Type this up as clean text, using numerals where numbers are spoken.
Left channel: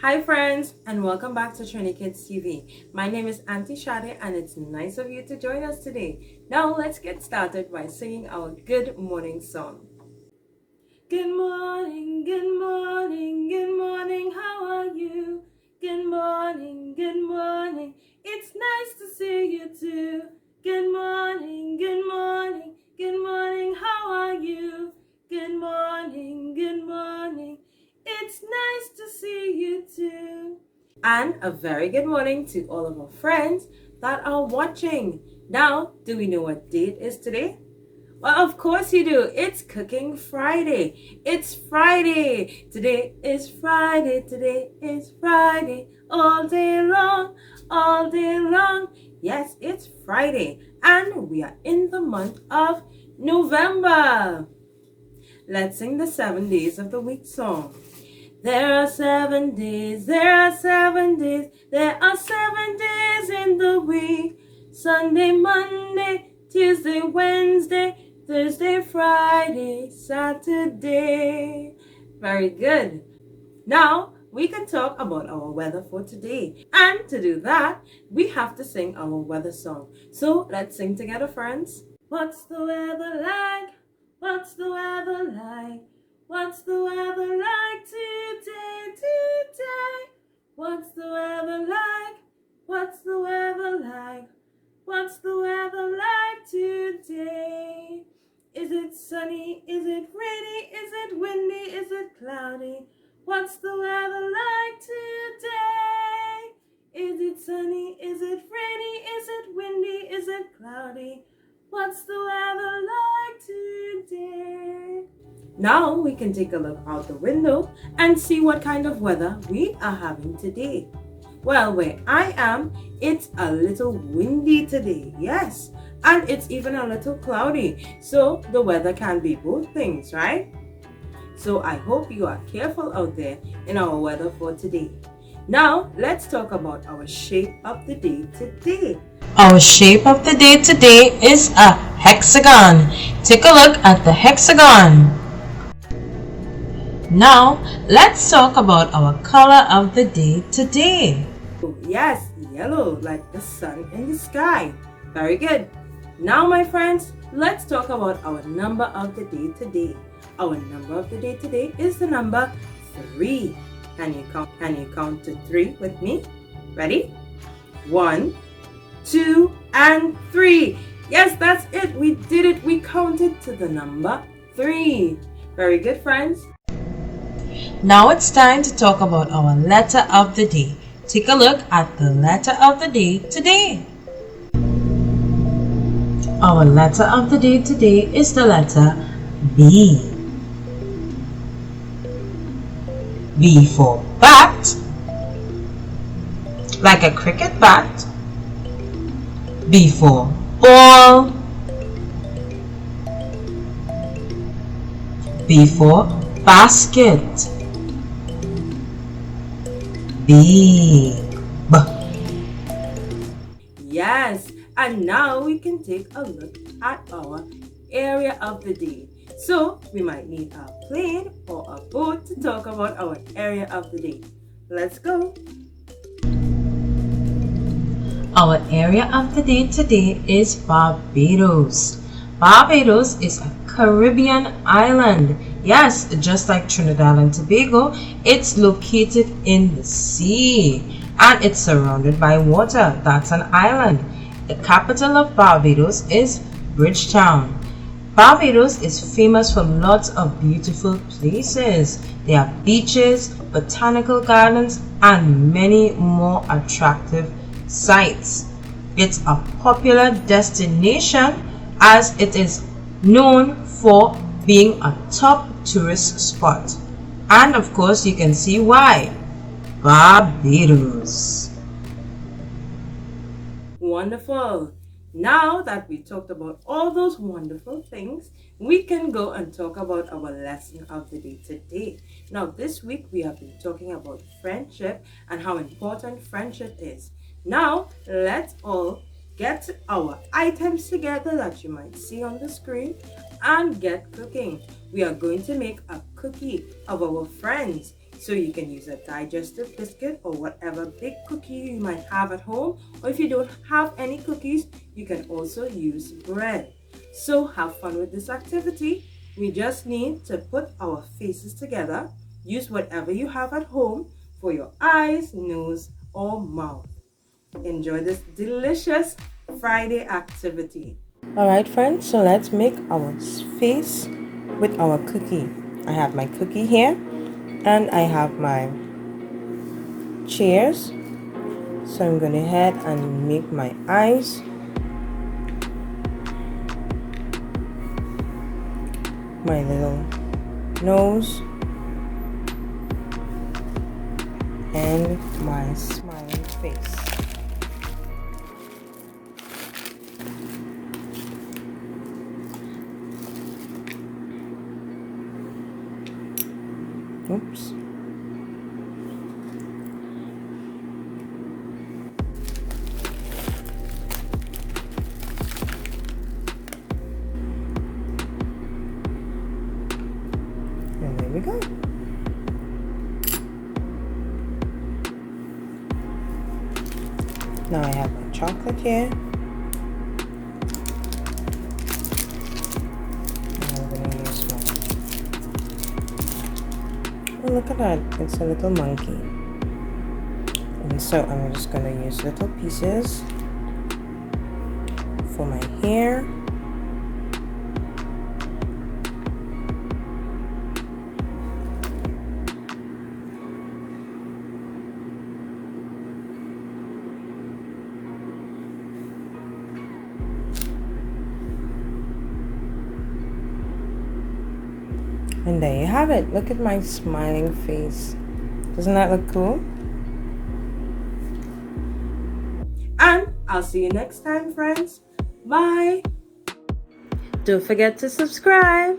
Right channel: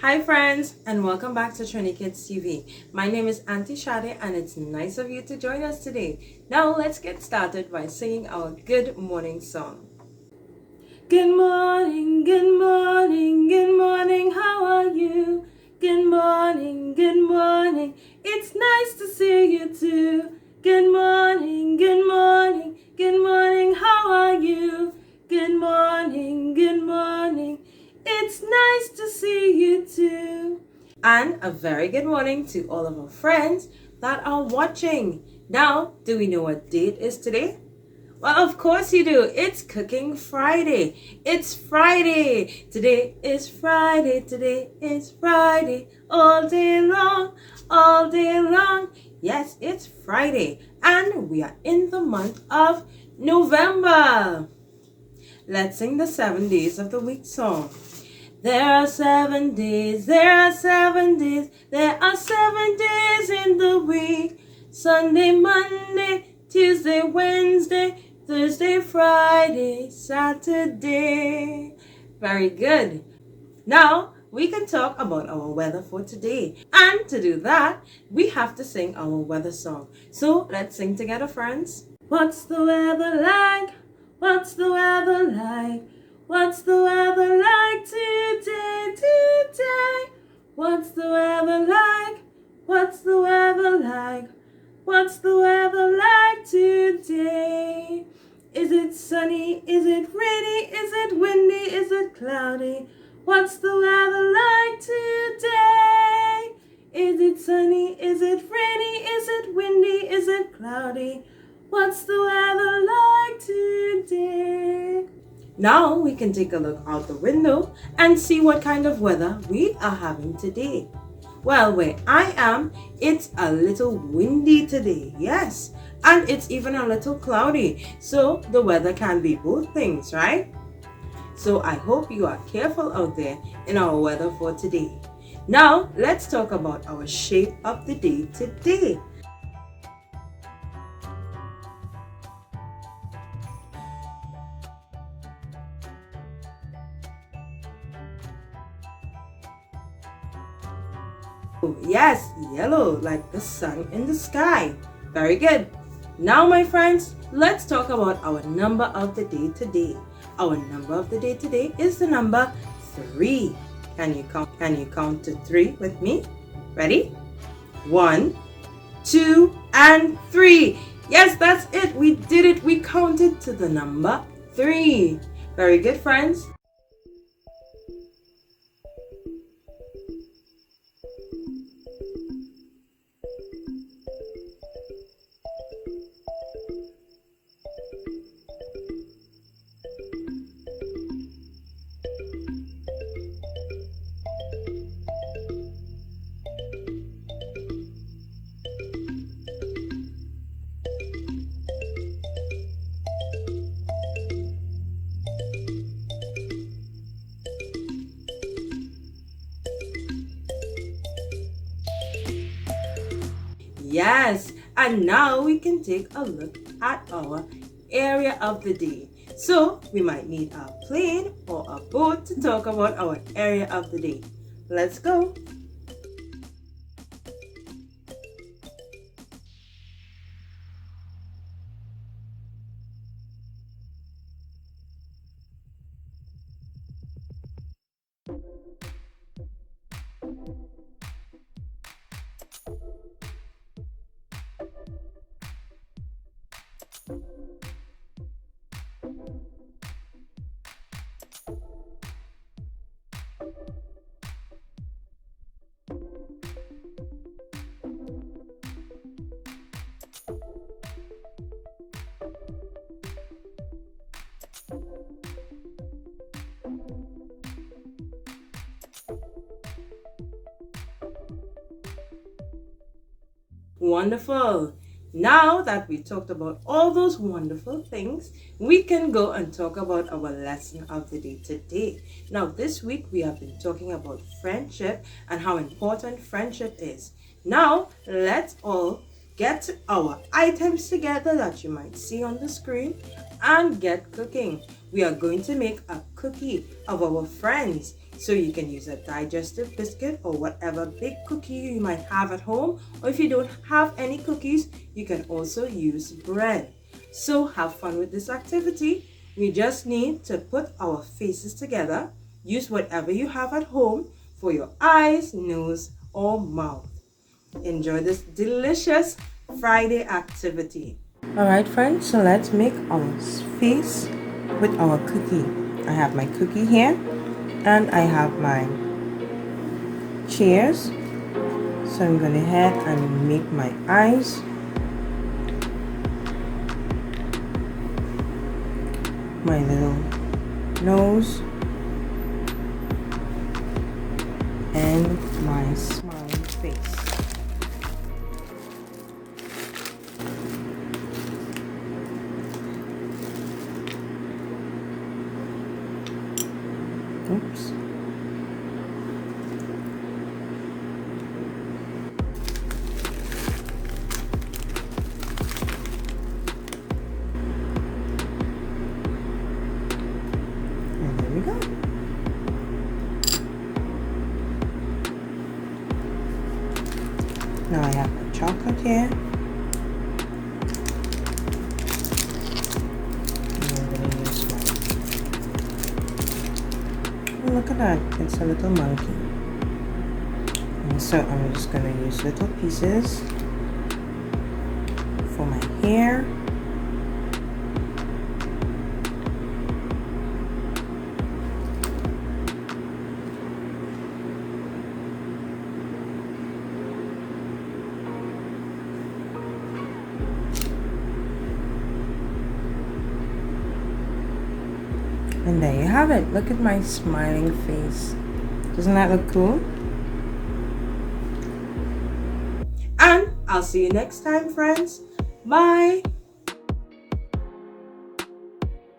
Hi friends, and welcome back to TriniKidsTV. My name is Auntie Shade, and it's nice of you to join us today. Now let's get started by singing our good morning song. Good morning, good morning, good morning, how are you? Good morning, it's nice to see you too. Good morning, good morning, how are you? Good morning, it's nice to see you too. And a very good morning to all of our friends that are watching. Now, do we know what date is today? Well, of course you do. It's Cooking Friday. It's Friday. Today is Friday. Today is Friday. All day long, all day long. Yes, it's Friday. And we are in the month of November. Let's sing the 7 days of the week song. There are 7 days, there are 7 days, there are 7 days in the week. Sunday, Monday, Tuesday, Wednesday, Thursday, Friday, Saturday. Very good. Now, we can talk about our weather for today. And to do that, we have to sing our weather song. So let's sing together, friends. What's the weather like? What's the weather like? What's the weather like today, today? What's the weather like? What's the weather like? What's the weather like today? Is it sunny? Is it rainy? Is it windy? Is it cloudy? What's the weather like today? Is it sunny? Is it rainy? Is it windy? Is it cloudy? What's the weather like today? Now we can take a look out the window and see what kind of weather we are having today. Well, where I am, it's a little windy today, yes, and it's even a little cloudy, so the weather can be both things, right? So I hope you are careful out there in our weather for today. Now, let's talk about our shape of the day today. Our shape of the day today is a hexagon. Take a look at the hexagon. Now, let's talk about our color of the day today. Yes, yellow, like the sun in the sky. Very good. Now, my friends, let's talk about our number of the day today. Our number of the day today is the number 3. Can you count to 3 with me? Ready? 1, 2, and 3. Yes, that's it. We did it. We counted to the number 3. Very good, friends. Now it's time to talk about our letter of the day. Take a look at the letter of the day today. Our letter of the day today is the letter B. B for bat, like a cricket bat. B for ball. B for basket. Big. Yes, and now we can take a look at our area of the day. So we might need a plane or a boat to talk about our area of the day. Let's go. Our area of the day today is Barbados. Barbados is a Caribbean island. Yes, just like Trinidad and Tobago, it's located in the sea and it's surrounded by water. That's an island. The capital of Barbados is Bridgetown. Barbados is famous for lots of beautiful places. There are beaches, botanical gardens, and many more attractive sites. It's a popular destination as it is known for being a top tourist spot. And of course, you can see why. Barbados. Wonderful. Now that we talked about all those wonderful things, we can go and talk about our lesson of the day today. Now, this week we have been talking about friendship and how important friendship is. Now, let's all get our items together that you might see on the screen and get cooking. We are going to make a cookie of our friends. So you can use a digestive biscuit or whatever big cookie you might have at home. Or if you don't have any cookies, you can also use bread. So have fun with this activity. We just need to put our faces together. Use whatever you have at home for your eyes, nose, or mouth. Enjoy this delicious Friday activity. Alright friends, so let's make our face with our cookie. I have my cookie here and I have my chairs. So I'm going to head and make my eyes. My little nose. And my smiling face. Oops. And there we go. Now I have my chocolate here. Oh, look at that, it's a little monkey. And so I'm just going to use little pieces for my hair. And there you have it. Look at my smiling face. Doesn't that look cool? And I'll see you next time, friends. Bye. Don't forget to subscribe.